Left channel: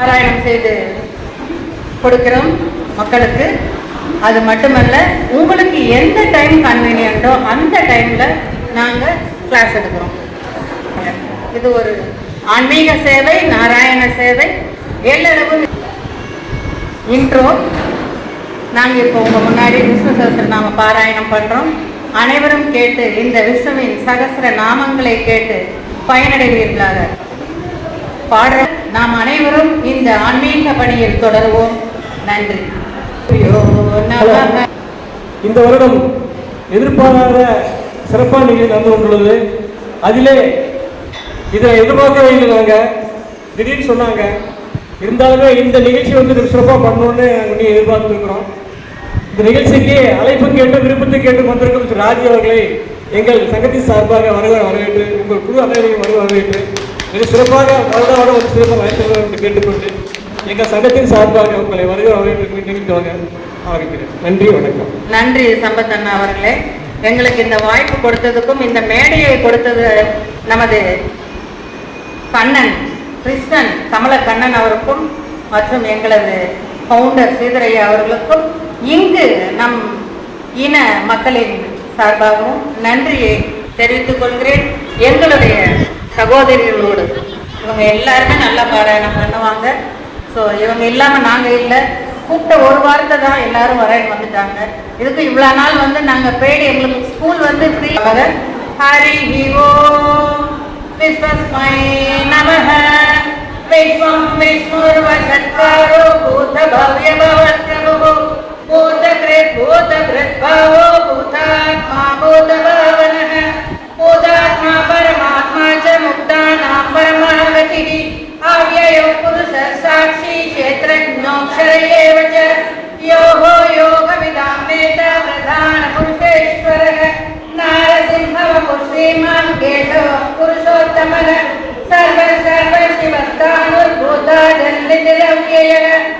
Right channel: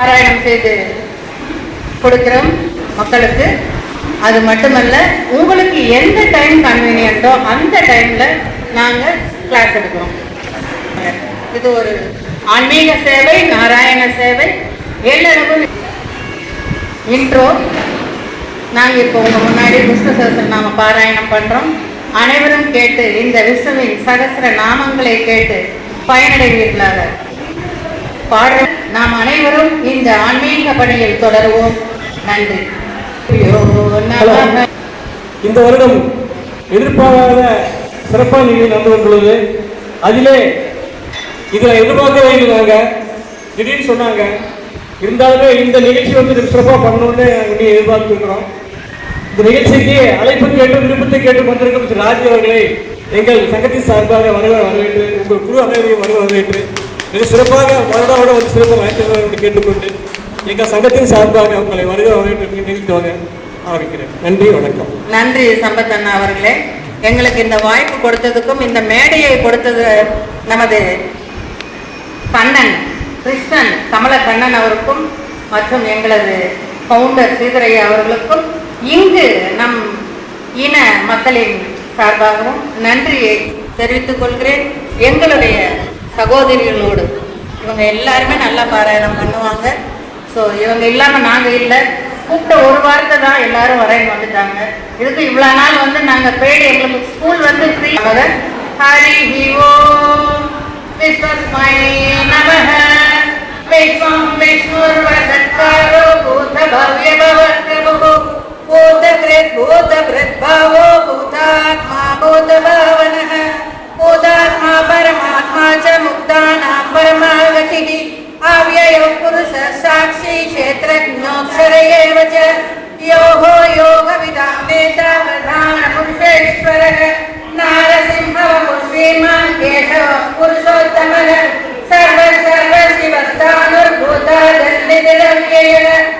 பாராயணம் செய்து கொடுக்கிறோம் மக்களுக்கு. அது மட்டுமல்ல உங்களுக்கு எந்த டைம் கன்வீனியன்ட்டோ அந்த டைமில் நாங்கள் கிளாஸ் எடுக்கிறோம். இது ஒரு ஆன்மீக சேவை நாராயண சேவை. எல்லாருக்கும் இன்ட்ரோ நாங்கள் இப்போ உங்கள் முன்னாடி விஷ்ணு சகஸ்ர நாம பாராயணம் பண்ணுறோம் அனைவரும் கேட்டு இந்த விஷ்ணுவின் சகசர நாமங்களை கேட்டு பயனடைவீர்களாக. பாட நாம் அனைவரும் இந்த ஆன்மீக பணியில் தொடருவோம். நன்றி. இந்த வருடம் எதிர்பாராத சிறப்பான நிகழ்ச்சி நடந்து வந்துள்ளது அதிலே இதை எதிர்பார்க்கவே இல்லை நாங்க திடீர்னு சொன்னாங்க. இருந்தாலுமே இந்த நிகழ்ச்சி வந்து சிறப்பாக பண்ணணும்னு நாங்கள் எதிர்பார்த்துருக்கிறோம். இந்த நிகழ்ச்சிக்கு அழைப்பு கேட்டு விருப்பத்தை கேட்டு வந்திருக்கும் திரு ராஜி அவர்களை எங்கள் சங்கத்தின் சார்பாக வரவே வரவேற்று உங்கள் குழு அனைவரையும் வரவேற்று இது சிறப்பாக வருட ஒரு சிறப்பு வாய்ப்பு என்று கேட்டுக்கொண்டு எங்கள் சங்கத்தின் சார்பாக உங்களை வருக வரவேற்று நிகழ்த்துவாங்க ஆரம்பிக்கிறேன் நன்றி வணக்கம். நன்றி சம்பத் அண்ணா அவர்களே. எங்களுக்கு இந்த வாய்ப்பு கொடுத்ததுக்கும் இந்த மேடையை கொடுத்தது நமது கண்ணன் கிருஷ்ணன் கமல கண்ணன் அவருக்கும் மற்றும் எங்களது பவுண்டர் ஸ்ரீதரையா அவர்களுக்கும் இங்கு நம் இன மக்களின் சார்பாகவும் நன்றியை தெரிவித்துக் கொள்கிறேன். எங்களுடைய சகோதரிகளோடு. இவங்க எல்லாருமே நல்லா பாராயணம் பண்ணுவாங்க. ஸோ இவங்க இல்லாமல் நாங்கள் இல்லை. கூப்பிட்ட ஒரு வாரத்தை தான் எல்லாரும் வரைய வந்துட்டாங்க. இதுக்கு இவ்வளோ நாள் வந்து நாங்கள் பேடி எங்களுக்கு ஸ்கூல் வந்து ஃப்ரீ வர ஹரி ஹீவோ கிறிஸ்மஸ் மை நமக. விஷ்ணம் விஷ்ணுர் வசத்காரோ Amen.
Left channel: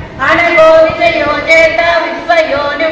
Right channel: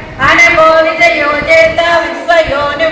अनभो विजयो जेता विश्वयोनिः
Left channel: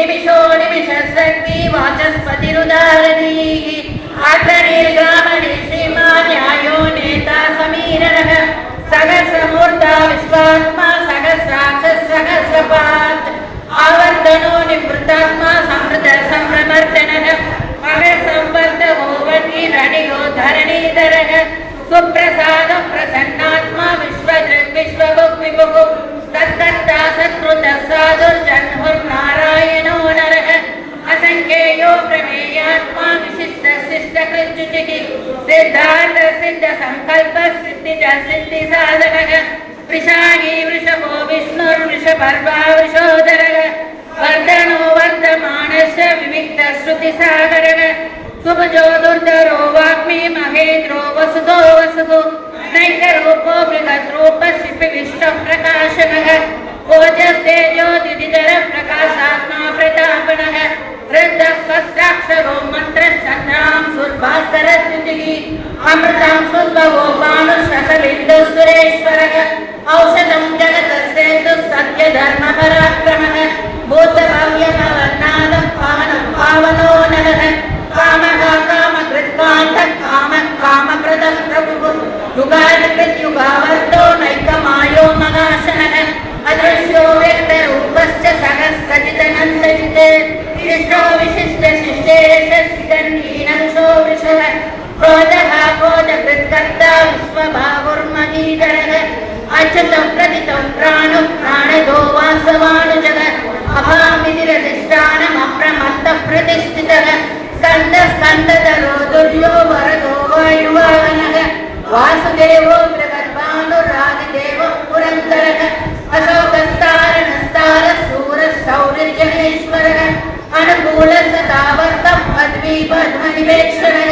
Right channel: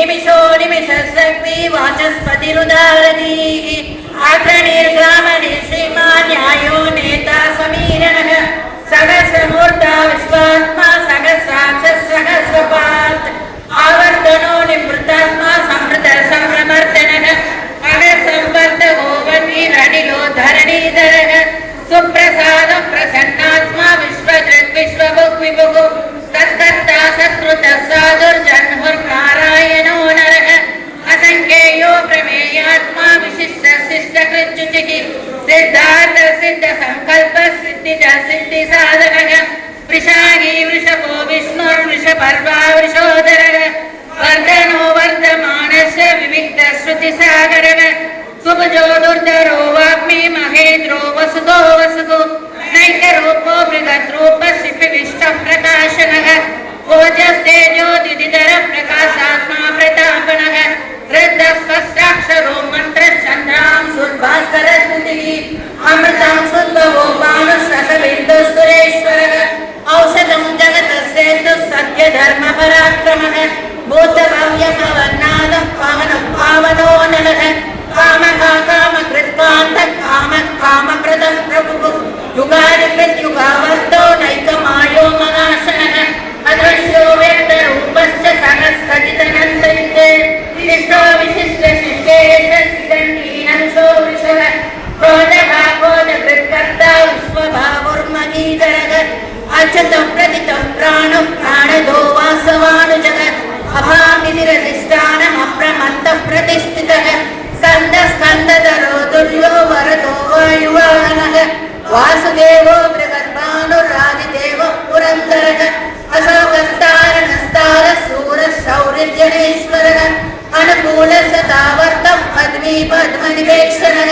நிமிஷோ நிமிஷ சக்தி வாசஸ்பதிருதாரதீகி ஆக்ரணீர் கிராமணி ஸ்ரீமான் நியாயோ நேதா சமீரணக. சகசமூர்த்தா விஸ்வாத்மா சகசாட்ச சகசபாத் ஆவர்த்தனோ நிமிருத்தாத்மா சம்ருத சம்ரமர்த்தனக மகசம்பர்த்த ஓவதி ரணியோ தரணீதரக. சுப்பிரசாதம் பிரசன்னாத்மா விஸ்வகிருத் விஸ்வபுக் விபுகு ప్రవేశించుటికి సిద్ధార్థసిద్ధ సంకల్ప సిద్ధి సిద్ధి సాధనగ వృషాహి వృషభో విష్ణుర్వృషపర్వా వృషోదర వర్ధనో వర్ధమానశ వివిక్త శృతి సాగరగ సుభజో దుర్ధరో వాగ్మి మహేంద్రో వసుదో వసుదో నైకరూపో బృహద్రూప శిపి విష్ణ ప్రకాశనగ ఓజస్తేజోదిదిధర ప్రకాశాత్మా ప్రతాపనగ రద్ధ స్వస్థాక్షరో మంత్ర मन्त्रचन्द्रां सुर्भास्करद्युतिः अमृतं सुन्दवो मानुषसविन्दुसुरेश्वरः औषधं जगतस्येतुः सत्यधर्मपराक्रमः भूतभव्यकवर्णादः पावनं पावनो नरः कामः कामकृत्कान्तः कामः कामप्रदः प्रभुः युगादिकृत्युगावर्तो नैकमायो मगाशनः अदृश्यो वेदरूपस्य सहस्रजितनन्दयुते विशिष्टो विशिष्ट अच्युतं प्रदितं प्राणं प्राणदो वासवानुजः अभाविधिरधिष्ठानमप्रमत्तः प्रतिष्ठितः स्कन्द स्कन्दधरो दुर्यो वरदो वायुवाहनः वासुदेवो बृहद्भानुरादिदेवो पुरन्दरः अशोकस्तारणस्तारशूरशौर्यजनेश्वरः अनुकूलसदावर्तं पद्मी पद्मनिवेक्षणः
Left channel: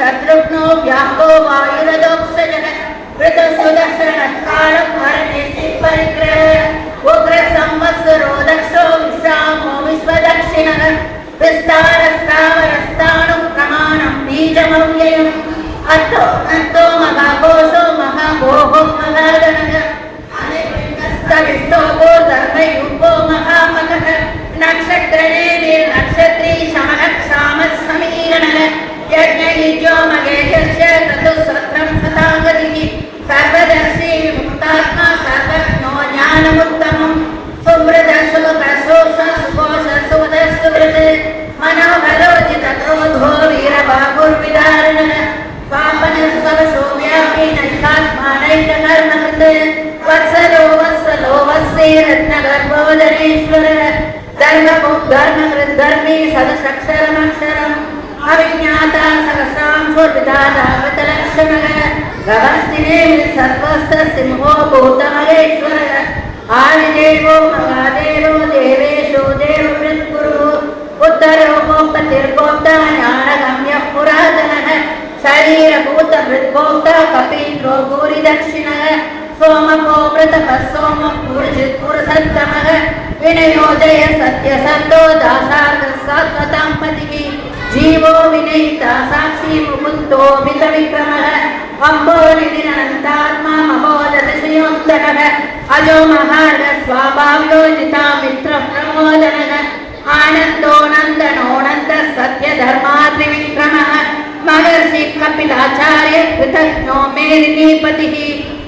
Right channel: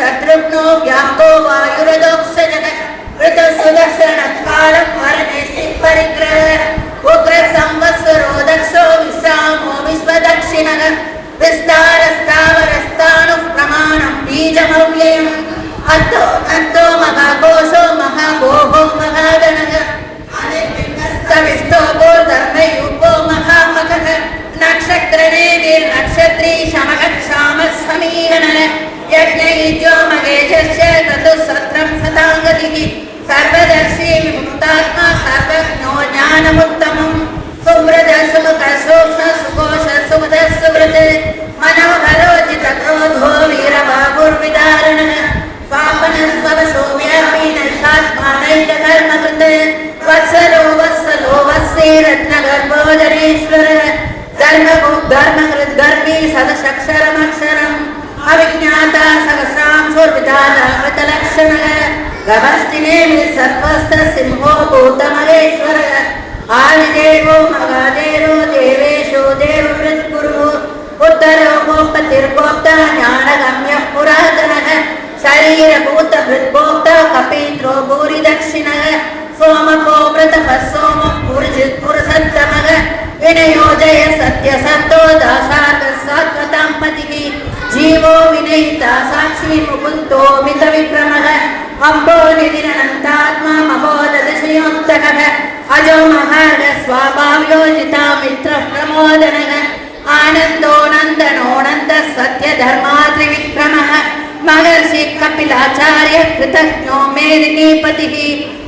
शत्रुघ्नो व्यापो वायुरदोक्षजः गभस्तिने सर्वस्त्र सिंहो भूतमहेश्वरः आदिदेवो महादेवो देवेशो देववृत्कुरु उत्तरो गोपतिर्गोप्ता ज्ञानगम्यः पुरातनः शरीरभूतभृद्गोप्ता कपीन्द्रो भूरिदक्षिणः सोमको व्रतपः सोमः पुरुषित् पुरुषत्तमः विनयोजय सत्यसत्तो दासार्थः सात्वतां पतिः जीवो विनयिता साक्षी मुकुन्दो मितविक्रमः अम्बो निधिरनन्तात्मा महोदशयोक्तकः अजो महाड स्वाभाव्योजिता मित्रः प्रमोदनः आनन्दो नन्दनोऽनन्दः सत्यधर्मा त्रिविक्रमः महर्षि कपिलाचार्य कृतज्ञो मेदिनीपतिः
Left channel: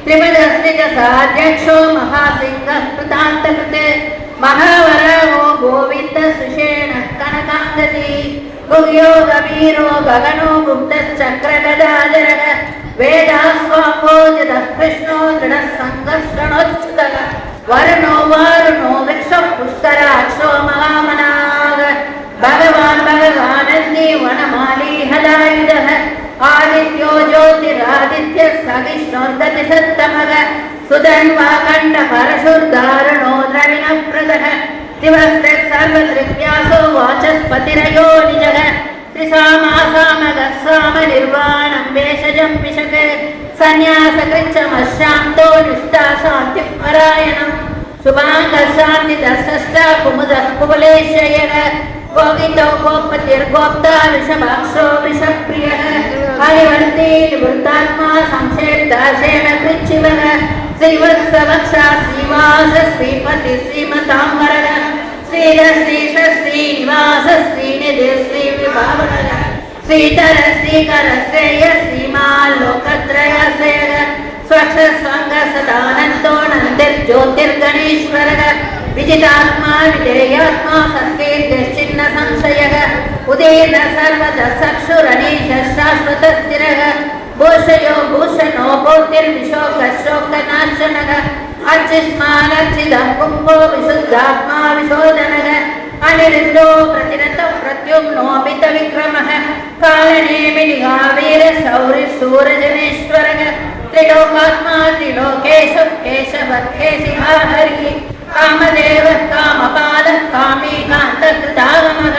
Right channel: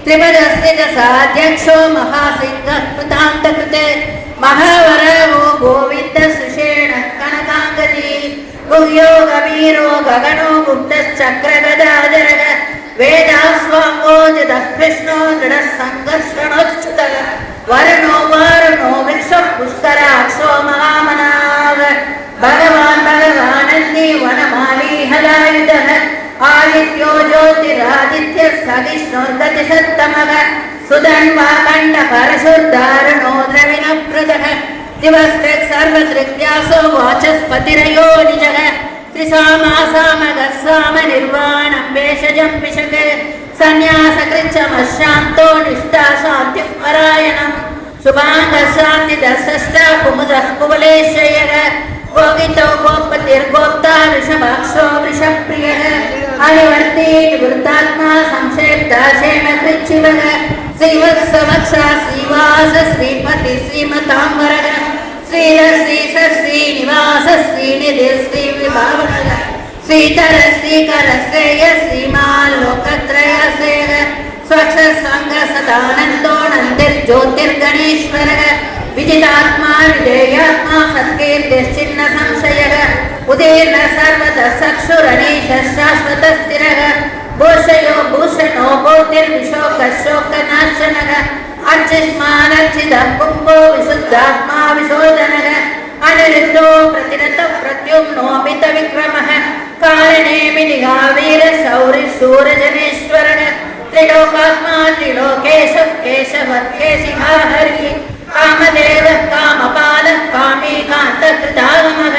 त्रिपदस्थितसाध्यक्षो महासिंहः कृतान्तकृते महावरवो गोविन्द सुषेण कनकाङ्गदी गुह्यो गवीरो गगनो गुप्तश्चक्रगदाधरः ವೇದಾಸ್ವಾಮೋಜಿತಃ ಕೃಷ್ಣೋ ದೃಢ ಸಂಘರ್ಷಣೋಚ್ಯುತಃ ವರಣೋ ವಾರಣೋ ವೃಕ್ಷ ಪುಷ್ಕರಾಕ್ಷೋ ಮಹಾಮನಾಗ ಭಗವಾನ್ ಭಗವಾನಲ್ಲಿ ವನಮಾಲಿ ಹಲಾಯುಧಃ ಆದಿತ್ಯೋ ಜ್ಯೋತಿರಾದಿತ್ಯ ಸವಿಷ್ಣೋದ್ದತಿ ಸತ್ತಮಗ ಸುಧನ್ವಾ ಕಂಡ ಪರಶುದ್ಧಾರಣೋ ದ್ರವಿಣ ಪೃತಃ ದಿವಸ್ತೆ ಸರ್ವದೃತ್ಯಾಸೋ ವಾಚಸ್ಪತಿರಯೋ ನಿಜಃ निजः त्रिसामासामगस्साम निर्वाणं भेषजं पिशक सन्न्यासकृच्छमशान्तो निष्ठा शान्तिः परायणम् शुभाङ्गशान्तिदशष्टा कुमुदः कुवलेशयः गोविन्दो गोपतिर्गोप्ता ऋषभाक्षो ऋषप्रियः हरिवर्ती निवृत्तात्मा संशेर्दासेन कृच्छिवः श्रीवत्सवत्सा श्रीवास श्रीमति श्रीमताम्बरः ஸ்ரீரஸ்ரீ சஸ்ரீ நிவாசஸ்ரீ நிதிஸ்ரீ விபாவன ஸ்ரீதரஸ்ரீ கரஸ்ரேயஸ்ரீ மாலோகத்ரயசேர ஸ்வக்ஷஸ்வங்க சதானந்தோ நந்திர் ஜோதிர்கணீஸ்வரக விஜிதாத்மா விஜயாத்மா சத்கீர்த்திச்சின்ன சம்சயக உதயன சர்வத சக்ஷுரணீஷ சாஸ்வதஸ்திரக கோஷயோ பூஷணோ போதிர்விஷோக சோக நாசனக कुम्भो विशुद्धात्मा विशोधनः अनिरुद्धो प्रतिरतः प्रत्युम्नोऽपित विक्रमः कालनेमिनिहावीर शौरि शूरजनेश्वरः त्रिलोकात्मा त्रिलोकेशः केशवत्केशिहा हरिः कामदेवः कामपालः कामी कान्तकृतागमः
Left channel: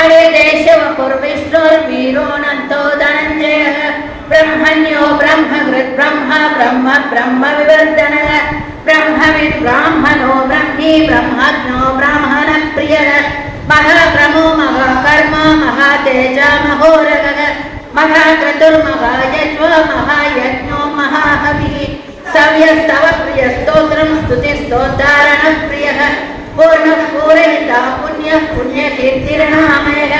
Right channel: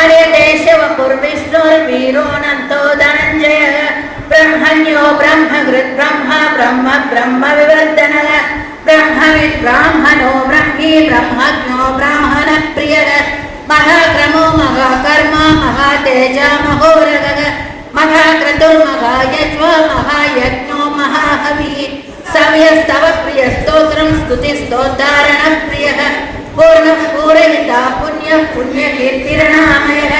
अरे देशव पूर्विष्णुर्वीरोऽनन्तो धनञ्जयः ब्रह्मण्यो ब्रह्मकृत् ब्रह्म ब्रह्म ब्रह्म विवर्धनः ब्रह्मविद् ब्राह्मणो ब्रह्मी ब्रह्मज्ञो ब्राह्मणप्रियः महाक्रमो महाकर्म महातेज महोरगः महाक्रतुर्महायज्वा महायज्ञो महाहविः सव्यस्तव प्रियस्तोत्रं स्तुतिस्तोद्धारणप्रियः पूर्णः पूरयिता पुण्यः पुण्यकीर्तिर्नामयः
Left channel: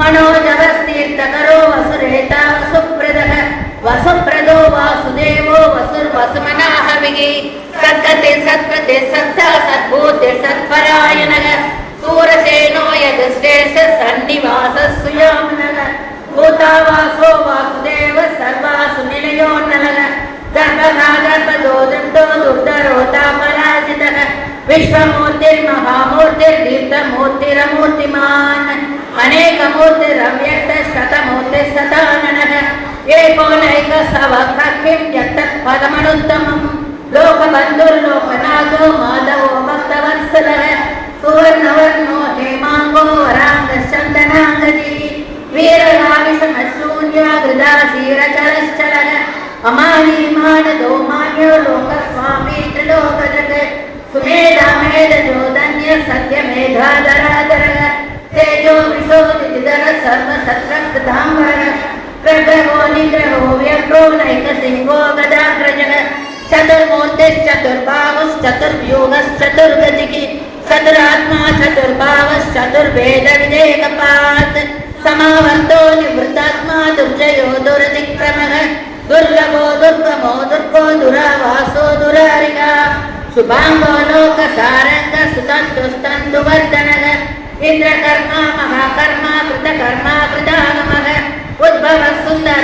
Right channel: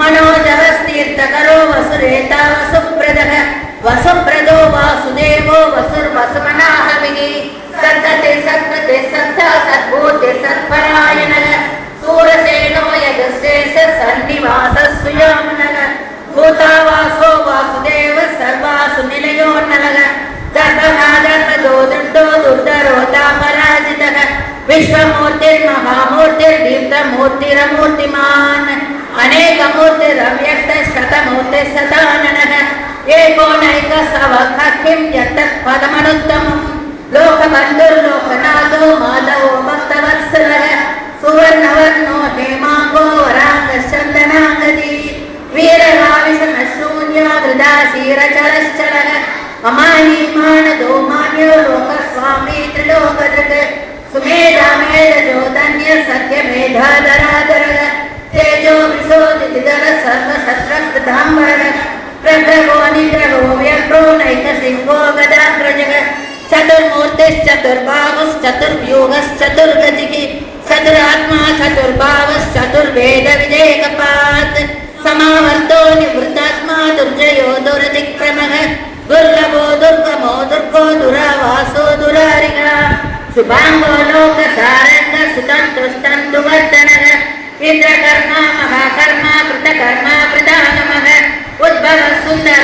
मनोजवस्तीर्थकरो वसुरेता वसुप्रदः वसुप्रदो वासुदेवो वसुर्वसुमनाहविः सत्तते सत्पते सत्ता सद्भूते सत्परायणः सूरसेनो यजस्येष सन्निवासस्वियामनः भूतावासो वासुदेव सर्वासु निलयो नरः दर्भः दर्भदो दण्डो दुर्धरोता पराजितः विश्वमूर्तिर्महामूर्तिर्दीप्तमूर्तिरमूर्तिमान् अनेकमूर्तिरव्यक्तः शतमूर्तिः सदाननः एकोनैकसवखिं यत्तत् లోకమందరులో అనాథో మాధవ మస్తవత్సర సువర్ణవర్ణో హేమాంగో వరాంగ చందనాంగతి వీరవావిశూన్యాగృదాశీరచరశ్చర అమాయమానదో మాన్యో లోకస్వామి త్రిలోకజత్ సుమేధామేధోధన్య సత్యమేధాధరాధర తేజో విశోధిధర సర్వసత్రాంబర ప్రగ్రహో నిగ్రహో వ్యగ్రో నైక సింహో గదాగ్రజ चतुर्मूर्तिश्चतुर्बाहुश्चतुर्व्यूहश्चतुर्गतिः चतुरात्मा चतुर्भावश्चतुर्वेदविदेकपात् समावर्तो निवृत्तात्मा दुर्जयो दुरतिक्रमः। दुर्लभो दुर्गमो दुर्गो दुरावासो दुरारिणा। शुभाङ्गो लोकसारङ्ग सुतन्तुस्तन्तुवर्धनः। इन्द्रकर्मा महाकर्मा, कृतकर्मा कृतागमः उद्भव सुन्दर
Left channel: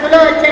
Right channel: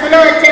सुलोचनः।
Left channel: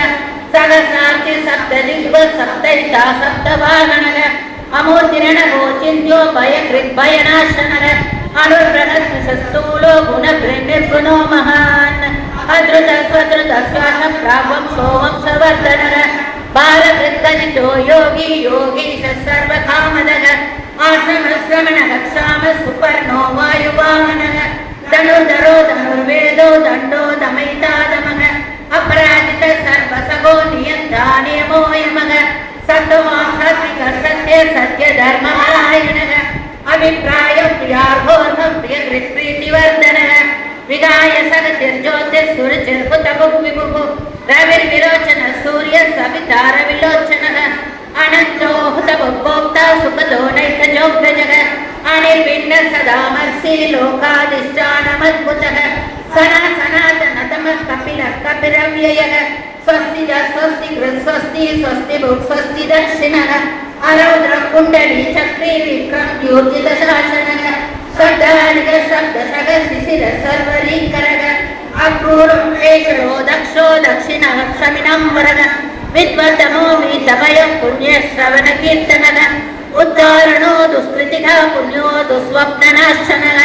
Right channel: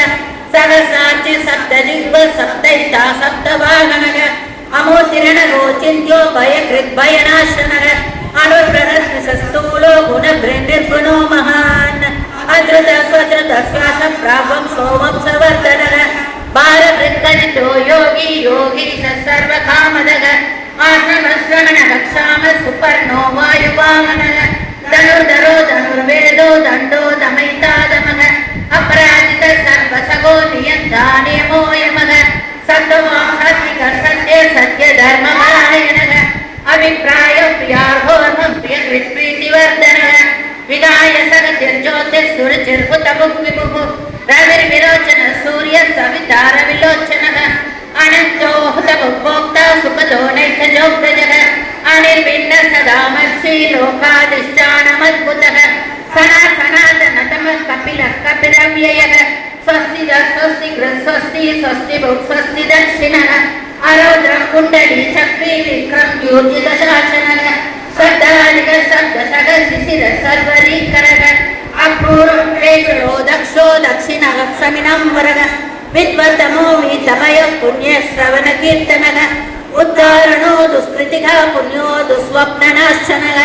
ಸಪ್ತೈಷ ಸಪ್ತವಾಹನರ ಅಮೋತಿರಣೋ ಚಿಂತ್ಯೋಭಯ ಕೃದ್ಭಯನಾಶನರ ಅನುಪ್ರದಸ್ತು ಗುಣ ನಿರ್ಗುಣೋ ಮಹಾನ್ ಅದೃತ ಸ್ವದೃತ ಸ್ವಾಸ ಪ್ರಾಪಂ ಸೋಮಂ ಸವರ್ಧನರ ಬಾಲ ವೃತ್ತನಿತೋ ಯೋಗಿ ಯೋಗಿ ಸರ್ವಕಾಮದಗ ಆತ್ಮಶ್ರವಣ ರಕ್ಷಾಮ ಸುಪರ್ಣೋ ವಾಯುವಾಮನಗ ಧನುರ್ಧರೋ ಧನುರ್ವೇದೋ ದಂಡೋ ದಮೈತಾದ அபிப்பிராயம் வியாகோதம் பிரீதிவர்தன விகாய சகதிர் ஜோதிர் சுருச்சிர் புத்தமுகி முகு ரவிர் விரோச்சன சூரிய சவிதார விலோச்சன அனந்தோ ஹுதமுக்போக்தா சுகதோ நைகஜோ பிரஜக அனில் பின்ன சதா மர்சி லோகாதிஷ்டானமத்புதக சனா சனாதன தம கபில கபிலம் யயக ஸ்வஸ்தி ஸ்வஸ்தி ஸ்வஸ்தி ஸ்வஸ்தி ஸ்வஸ்தி தட்சிணக अरौद्रं कुण्डली चक्री विक्रम ज्योतिदशासनः सर्दारिक सर्गसग शिशिर सर्वरीकरः अपूर्वं प्रेषयो दक्षो दक्षिणः क्षमिनं वरः विद्वतमो वीतमयः पुण्यश्रवणकीर्तनः उद्धारणो दुष्कृतिः पुण्यो दुःस्वप्ननाशनः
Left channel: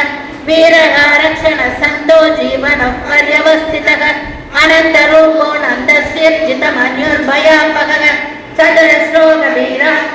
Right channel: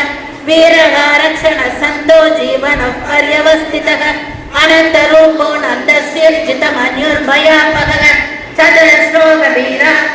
वीरगारक्षण सन्तो जीवनः पर्यवस्थितः अनन्तरूपो नन्दस्यर्जितमन्युर्भयापकः चतुरश्लोकवीरात्मा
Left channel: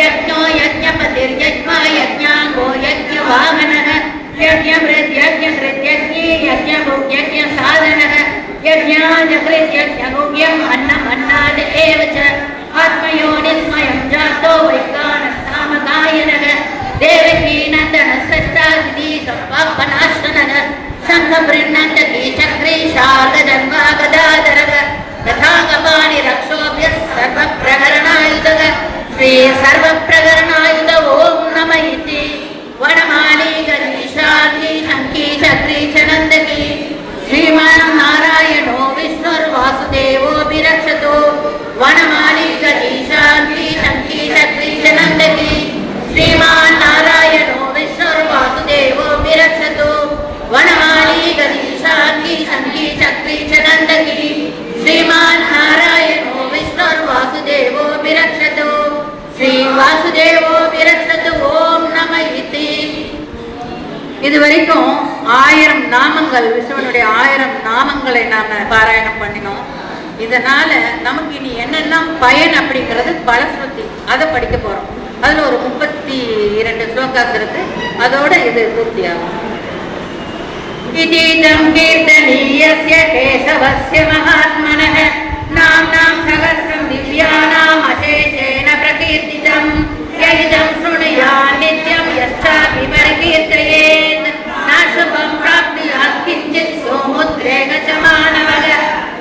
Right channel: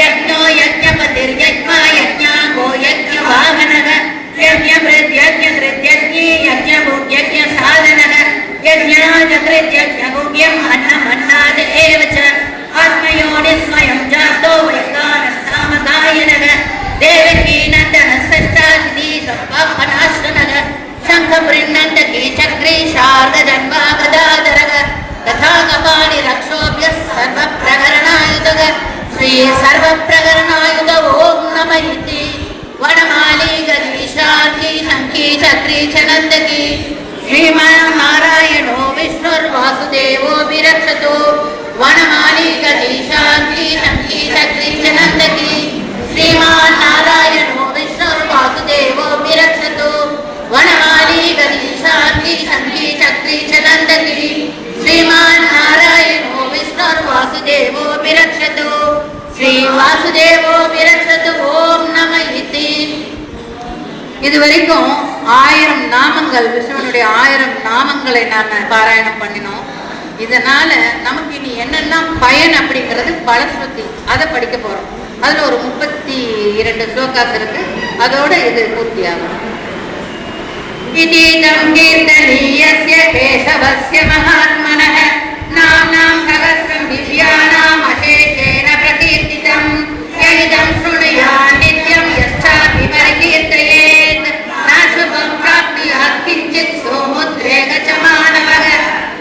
యజ్ఞో యజ్ఞపతిర్యజ్ఞ యజ్ఞాగో நாமங்கள் விஷ்ணுவனுடைய ஆயிரம் நாமங்களை நாம பாராயணம் பண்ணினோம் இதனால நமக்கு இனி என்னெல்லாம் பயன் அப்படிங்கிறது பலஸ்ருதி அதை படிக்க போறோம் அதுல ஒரு முப்பத்தி இரண்டு ஸ்லோகாஸ் இருக்கு அதோட இது பூர்த்தியாகும் इतीदं कीर्तनीयस्य केशवस्य महात्मनः नाम्नां सहस्रं दिव्यानाम् अशेषेण प्रकीर्तितं यदिदं शृणुयात्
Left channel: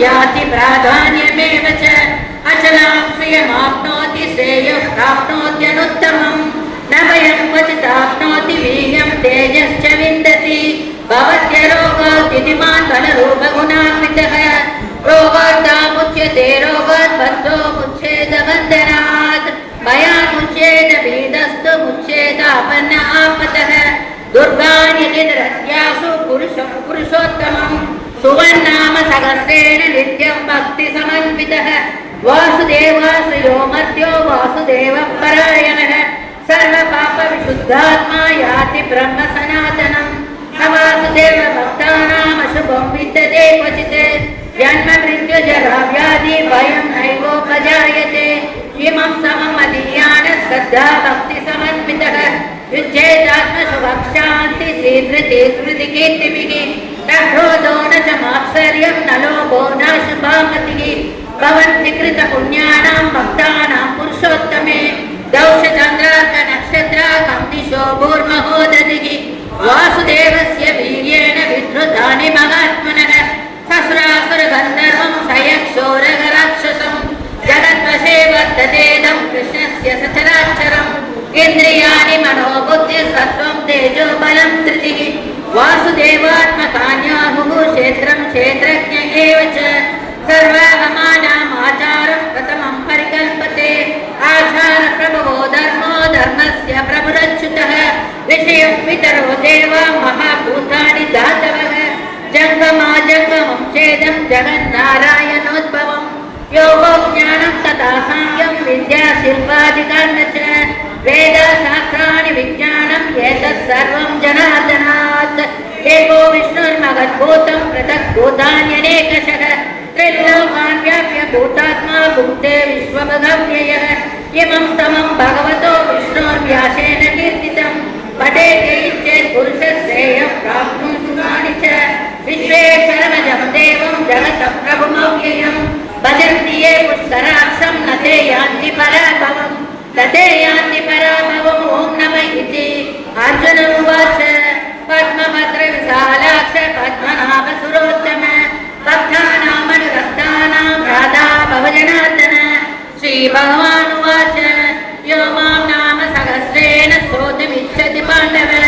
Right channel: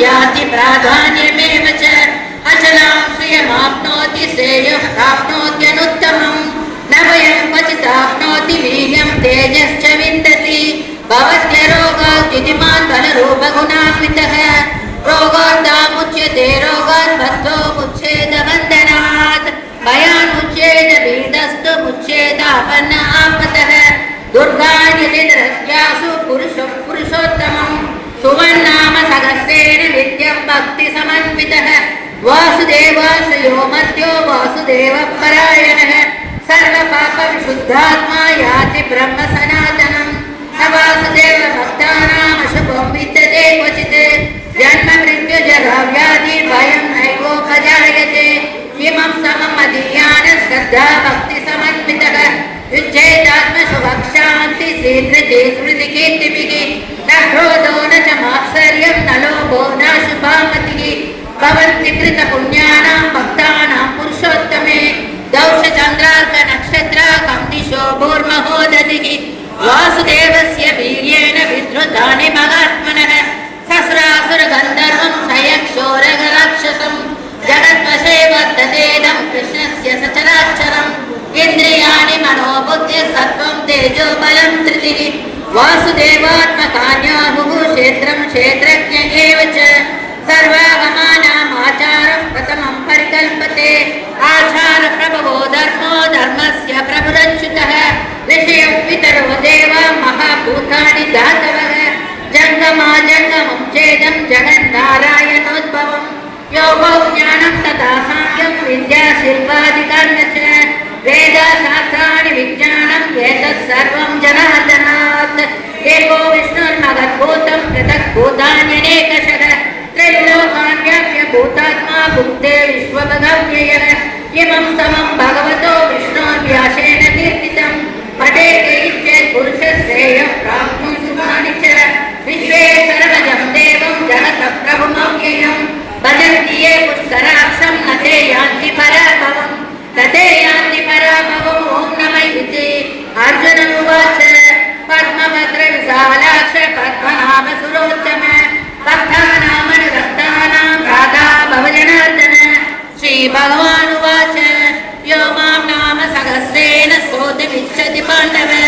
याति प्राधान्यमेव च, अचलां श्रियमाप्नोति श्रेयः प्राप्नोत्यनुत्तमम्। न वयं वीर्यं तेजश्च विन्दति। भवत्य रोगाद्युतिमान् बलरूपगुणान्वितः आपतः। पुरुषोत्तमं सुवर्णा सहस्रेण नित्यं भक्तिसमन्वितः वासुदेवाश्रयो मध्यो वासुदेवः परायणः सर्वपापविशुद्धात्मा याति ब्रह्म सनातनम् न वासुदेव भक्तानामशुभं विद्यते क्वचित्। जन्म मृत्युजरा व्याधि भयं नैवोपजायते इमं सममदीयान श्रद्धा भक्तिसमन्वितः విచ్చేదాత్మసుభక్షాంతి శ్రీకృతి స్మృతికీర్తిమికి నోన చ మాత్సర్యం నలో బోనా శుభామతికి భవంతి కృత పుణ్యానాం భక్తానాం పురుషోత్తమే దౌష నక్షత్ర వాసుదేవస్ ఏదం జగన్నారాయణోద్భవం. యోగో జ్ఞానం తథా సాయం విద్యా శిల్పాధికార్య వేదశాస్త్రాన్ని విజ్ఞానం ఏతత్ సర్వం జనార్దనాత్. ఏకో విష్ణుర్మగద్భూతం పృథగ్భూతాన్యనేకశ త్రైలోకాన్యాప్య భూతాత్మా భుక్తే విశ్వగమ్యయ ఇమం సమం భగవతో విష్ణోర్వ్యాసేన కీర్తితం. పదే జయించే పురుష శ్రేయం ప్రాప్త प्रभुमव्ययम् भजन्ति ये पुष्कराक्षं न ते यान्ति पराभवम् न ते यान्ति पराभवम् ॐ नमः इति अर्जुन उवाच पद्मभद्रविशालाक्ष पद्मनाभ सुरोत्तम भक्तानामनुरक्तानां राधा भवजनार्दन श्रीभगवानुवाच यो मां नाम सहस्रेण स्तोतुमिच्छति पाण्डव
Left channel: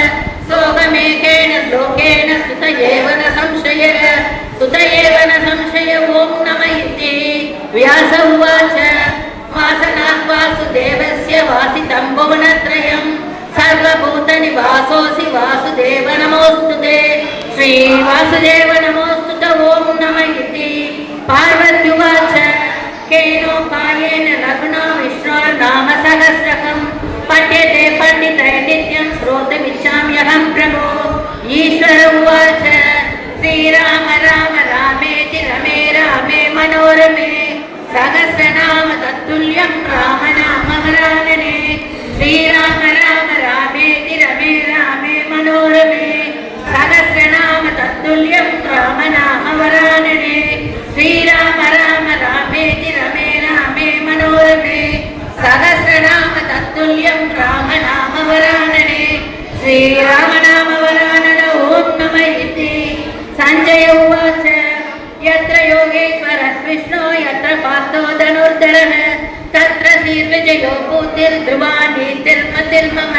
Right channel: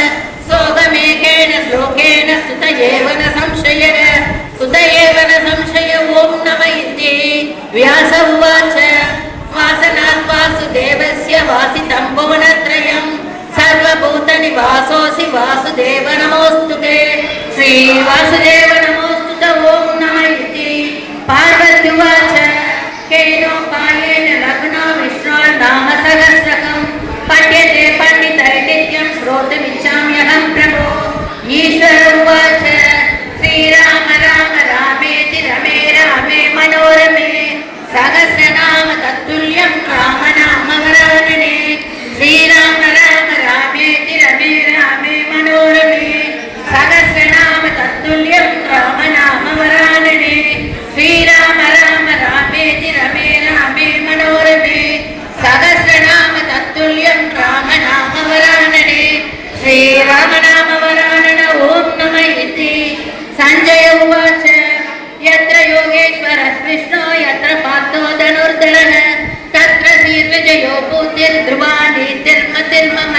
श्रीराम नाम वरानन ॐ नमः इति सञ्जय उवाच यत्र योगेश्वरः विष्णो यत्र पार्थो धनुर्धरः तत्र श्रीविजयो भूतिर्ध्रुवा नीतिर्मतिर्मम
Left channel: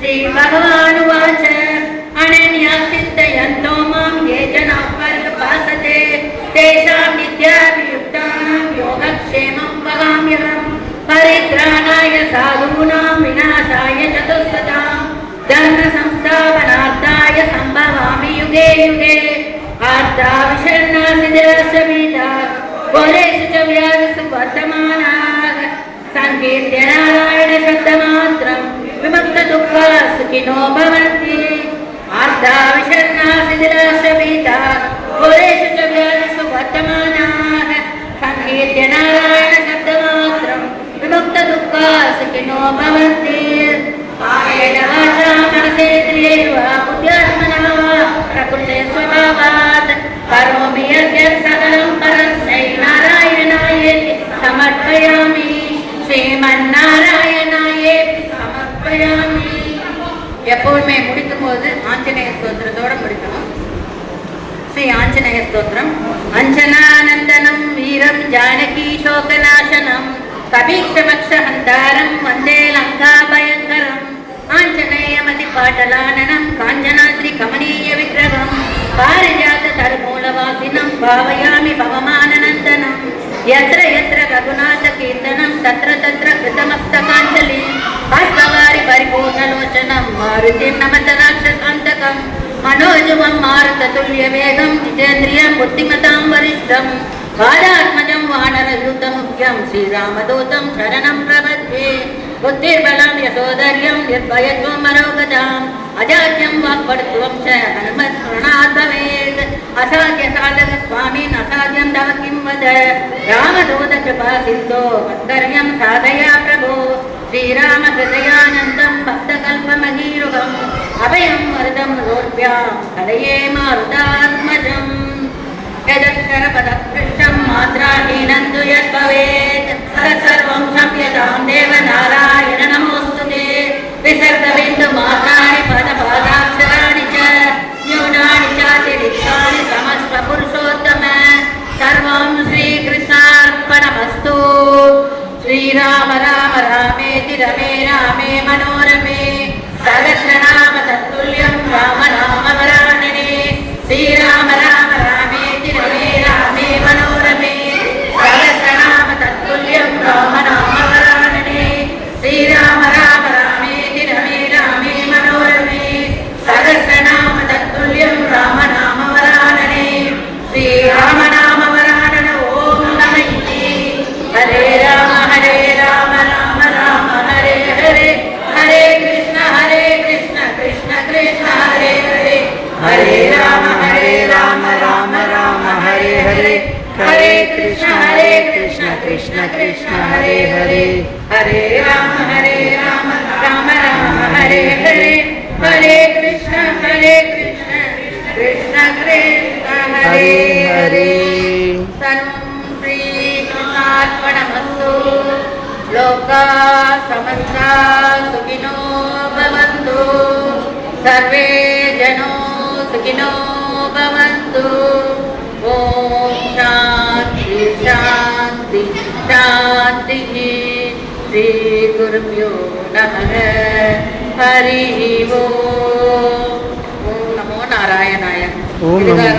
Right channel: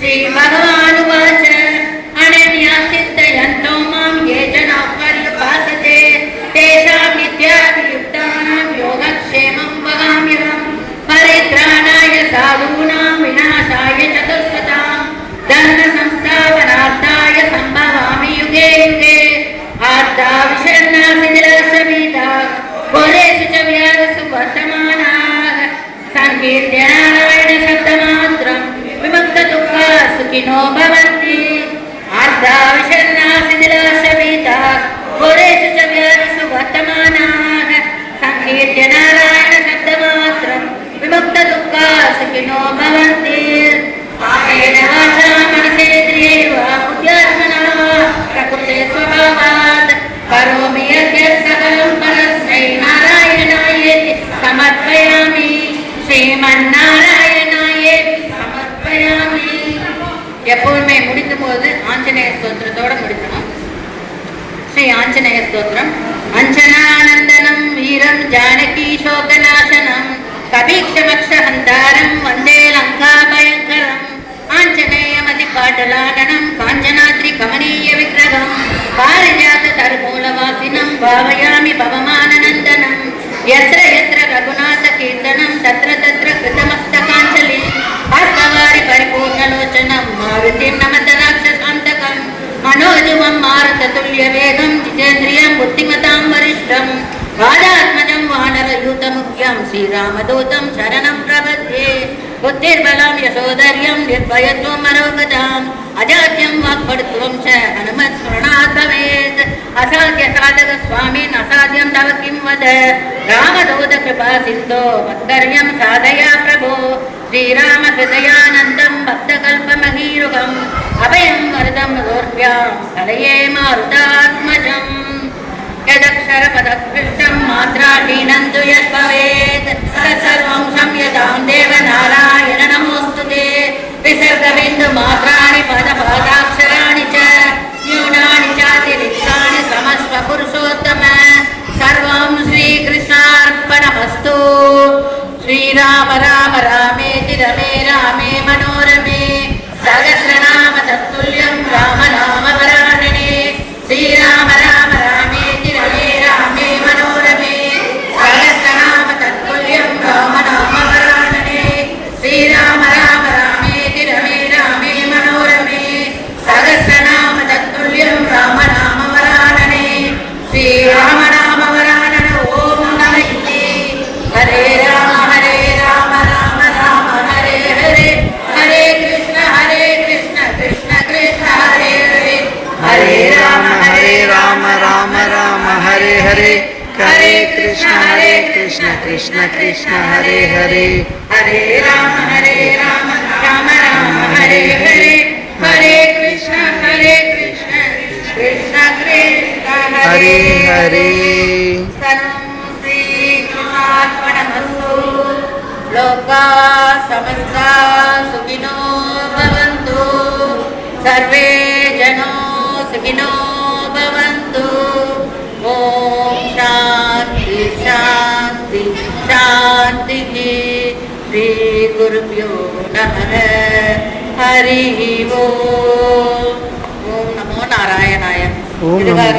श्रीभगवानुवाच अनन्या चिन्तयन्तो मां ये जनाः पर्युपासते तेषां नित्याभियुक्तानां योगक्षेमं वगाम्यहम् परित्राणाय साधूनां विनाशाय चतुष्पदां धर्मसंस्थापनार्थाय எப்பவுமே முடிக்கும் போது ஆஞ்சநேய ஸ்தோத்திரத்தோட முடிக்கணும். ஸ்ரீ ஆஞ்சநேய ஸ்தோத்திரம். அஞ்சனானந்தனம் வீரம் ஜானகி சோகனா కవిక్షవక్ష హందారం వందే లంకాభయంకరం. ఆంజనేయమతి పాటలాననం కాంచనాద్రి కమనీయ విగ్రహం పారిజాత తరుమూలవాసినం భావయామి భవమానందనం ఎత్ర ఎత్ర రఘునాథ बुद्धिर्बलं यशोधर्यं निर्भयत्वं मनोगताम् अजाड्यं वाक्पटुत्वं च हनुमत्स्मरणात् भवेत् असाध्य साधक स्वामिन् असाध्यं तव किं वद रामदूत कृपा सिन्धो वक्तव्यं साधया प्रभो श्रीराम हृदयानन्दं भक्तकल्पमहीरुगम् अभयं वरदं दोर्भ्यां हरये मारुतात्मजम् यदक्षरपदपृष्ठं ప్రపంచం మాత్రాహీనందు యద్భవేత్ సర్వం సంయతాం దేవనారాయణ నమోస్తుతే. విసర్గబిందు మాత్రా राम हरे राम राम राम हरे हरे। हरे कृष्ण हरे कृष्ण कृष्ण कृष्ण हरे हरे। हरे राम हरे राम राम राम हरे हरे। हरे कृष्ण हरे कृष्ण कृष्ण हरे। हरे लोका समस्ता सुखिनो भवन्तु। सर्वे सुखिनो भवन्तु ॐ शान्ति शान्ति शान्तिः श्रीगुरुभ्यो नमः हरिः ओम् ॐ नमो नारायणाय ஓம் நமோ